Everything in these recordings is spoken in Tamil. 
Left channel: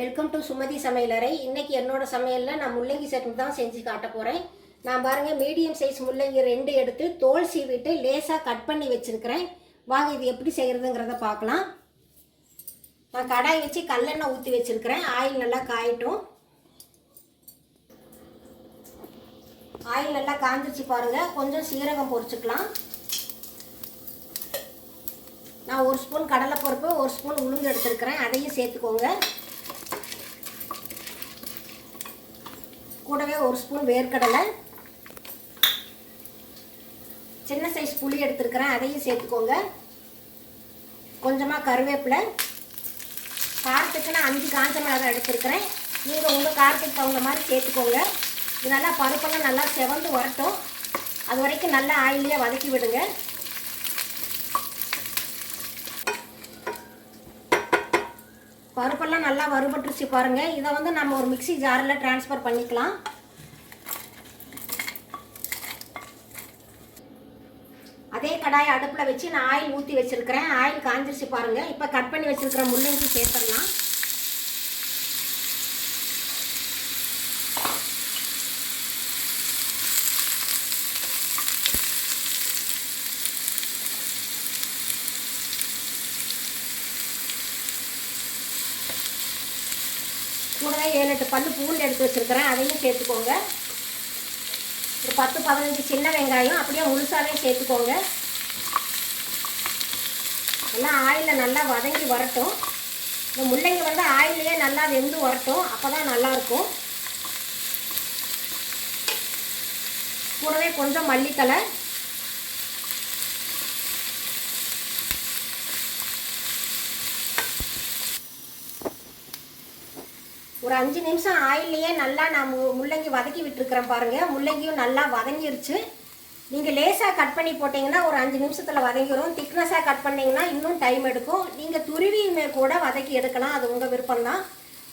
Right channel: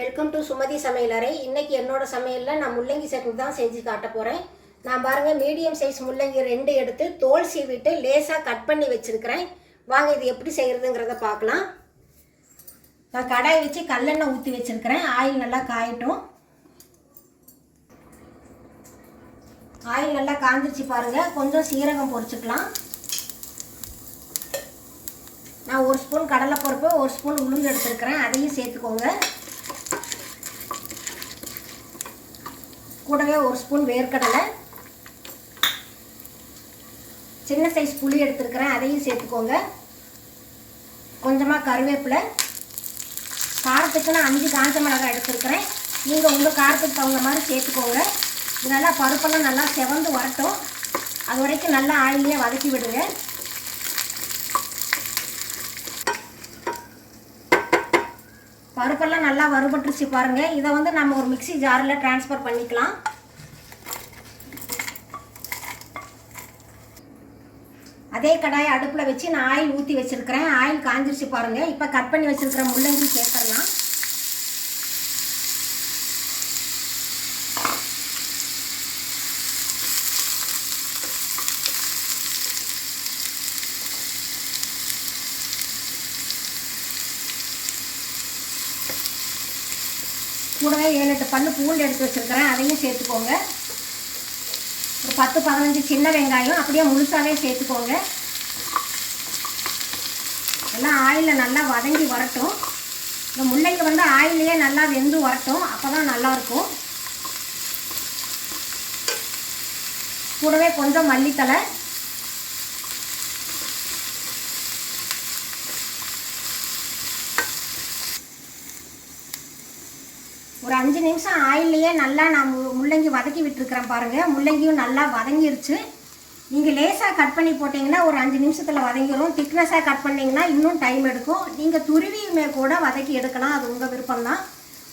வெல்கம் டு சுமதி சமையலறை. இன்னைக்கு என்னோட சமையலில் நான் முள்ளங்கி சட்னி தான் செஞ்சு காட்ட போகிறேன். நான் பாருங்கள் மீடியம் சைஸ் முள்ளங்கி 2 எடுத்து தோல் சீவிட்டு லேசாக கட் பண்ணி வச்சுருக்கிறேன். வாங்க இது எப்படி செய்கிறதுங்கிறத பார்க்கலாம். நான் கடாய் வச்சு கல்லெண்ணெய் ஊற்றி வச்சுருக்கிறேன். ஆயில் நல்லா காயட்டும். ஆயில் நல்லா காஞ்சிச்சு பாருங்கள். கொஞ்சம் சீரகம் பொரிச்சுக்கலாம். நான் 1 ஸ்பூன் கடலைப்பருப்பு 1 ஸ்பூன் உளுந்து எடுத்துருக்கிறேன். அதையும் சேர்த்துக்கோங்க. கூடவே 1 ஸ்பூன் வேர்க்கடலை, சின்ன சைஸ் புளி எடுத்துருக்கிறேன். அதையும் சேர்த்துக்கோங்க. கொஞ்சமாக கருவேப்பிலை, காரத்துக்கு நான் 5 காஞ்ச மிளகாய் எடுத்துருக்கிறேன். நீங்கள் உங்கள் காரத்துக்கு தகுந்த மாதிரி சேர்த்துக்கோங்க. இது நல்லா பருப்பெல்லாம் நல்லா செவந்து வரட்டும். அது வரைக்கும் நல்லா ஆயிலே வதக்கி விடுங்க. பருப்பெல்லாம் நல்லா வறுபட்டுருச்சு பாருங்கள். இதை நம்ம ஒரு மிக்ஸி ஜாரில் ட்ரான்ஸ்ஃபர் பண்ணிக்கலாம். அதே கடாயை அடுப்பில் வச்சு நான் ஆயில் ஊற்றி வச்சுருக்கிறேன். ஆயில் காஞ்சிருச்சு பாருங்கள். இப்போ கட் பண்ணி வச்சுருக்கிற முள்ளங்கி சேர்த்துடலாம். கூடவே 7-8 பல்லு பூண்டு எடுத்து வச்சுருக்கிறேன். அதையும் சேர்த்துக்கோங்க. ஒரு 10-15 சின்ன வெங்காயம் அப்படியே முழுசாகவே சேர்த்துக்கோங்க. எல்லாம் ஆயிலில் நல்லா வதங்கி வரட்டும். இந்த முள்ளங்கி ஆயிலே நல்லா வெந்து வரட்டும். அப்போ தான் நல்லாயிருக்கும். கூடவே கொஞ்சம் மல்லித்தலை, ஒரு 5 நிமிஷம் ஆயிலையே நல்லா நான் முள்ளங்கி வதக்கி விட்டுருக்கிறேன் பாருங்கள். முள்ளங்கியும் நல்லா வதங்கிருச்சு. நீங்கள் லேசாக கட் பண்ணி போட்டிங்கன்னா ஒரு 5 நிமிஷத்தில் வதங்கிடும். திக்னஸாக கட் பண்ணிங்கன்னா இன்னும் டைம் எடுக்கும். நீங்கள் துருவியுமே கூட வதக்கி எடுக்கலாம். அது உங்கள் விருப்பம்தான்.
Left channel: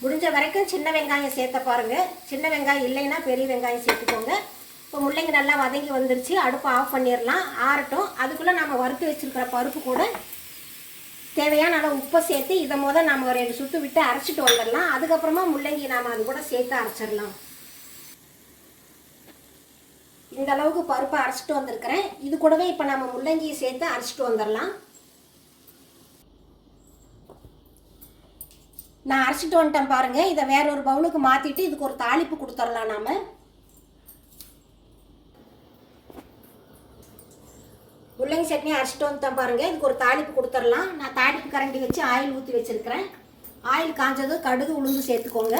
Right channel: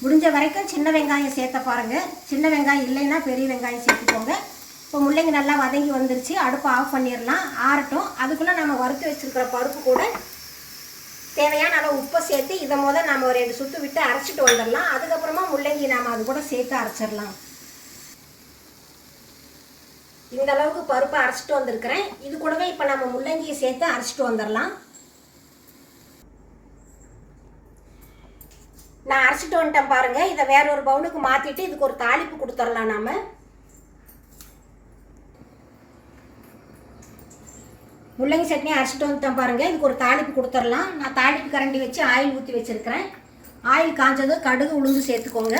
முடிஞ்ச வரைக்கும் சின்ன வெங்காயம் சேர்த்த பாருங்கள். சின்ன வெங்காயம் இல்லைன்னா பெரிய வெங்காயம் சேர்த்துக்கோங்க. இப்போ முள்ளங்கி நல்லா வதங்கி வந்துருச்சு. அடுப்பை ஆஃப் பண்ணிடலாம். ஆறட்டும். அதுக்குள்ளே நம்ம வறுத்து வச்சுருக்கிற பருப்பு கூட தேவையான அளவு உப்பை சேர்த்து இதை நம்ம ஒரு 2 சுற்று விட்டு அரைச்சிட்டு வந்துடலாம். அதுக்கப்புறமா முள்ளங்கி நாம் அது கூட சேர்த்து அரைச்சிடலாம். இந்த அளவுக்கு பருப்பை அரைச்சிட்டு வந்திருக்கிறேன். இது கூடவே இப்போ நம்ம முள்ளங்கியை சேர்த்து அரைச்சிட்டு வந்துடலாம். நான் அரைச்சிட்டு வந்துட்டேன் பாருங்கள். இதை வேற ஒரு பவுலுக்கு மாற்றிட்டு இதுக்கு ஒரு தாளிப்பு கொடுத்துடலாம். நாம் முள்ளங்கி சட்னி அரைச்சிட்டு வந்துட்டேன் பாருங்கள். இதுக்கு ஒரு தாளிப்பு கொடுத்துடலாம். நான் தாளிப்பு கரண்டி வச்சு ஆயில் ஊற்றி வச்சுருக்கிறேன். ஆயில் காஞ்சதும் கடுகு உளுந்து சேர்த்துக்கோங்க.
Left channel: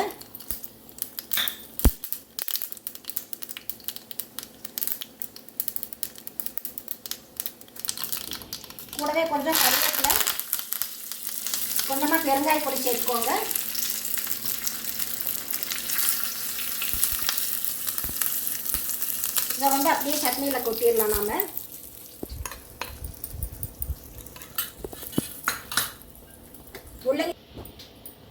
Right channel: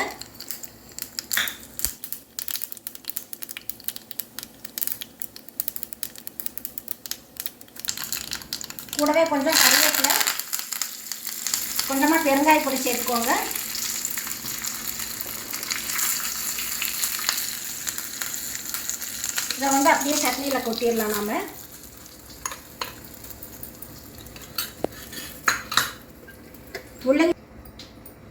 கூடவே கொஞ்சம் கருவேப்பிலை, கொஞ்சமாக பெருங்காய பொடி சேர்த்துக்கோங்க. இதை அப்படியே சட்னியில் கொட்டிடலாம். நாம்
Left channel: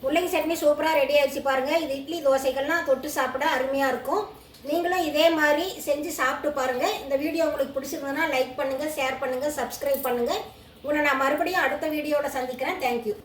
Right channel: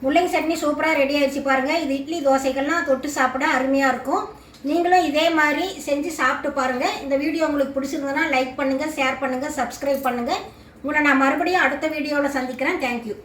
முள்ளங்கி சட்னி சூப்பராக ரெடி ஆகிடுச்சு பாருங்கள். இது இட்லி தோசைகள்லாம் தொட்டு சாப்பிட அருமையாக இருக்கும். நீங்களும் இதே மாதிரி செஞ்சு சாப்பிட்டு பாருங்கள். இந்த வீடியோ உங்களுக்கு பிடிச்சிருந்ததுன்னா லைக் பண்ணுங்கள், ஷேர் பண்ணுங்கள், சப்ஸ்கிரைப் பண்ணுங்கள். உங்களை நான் மறுபடியும் அடுத்த வீடியோவில் சந்திக்கிறேன். தேங்க்யூ.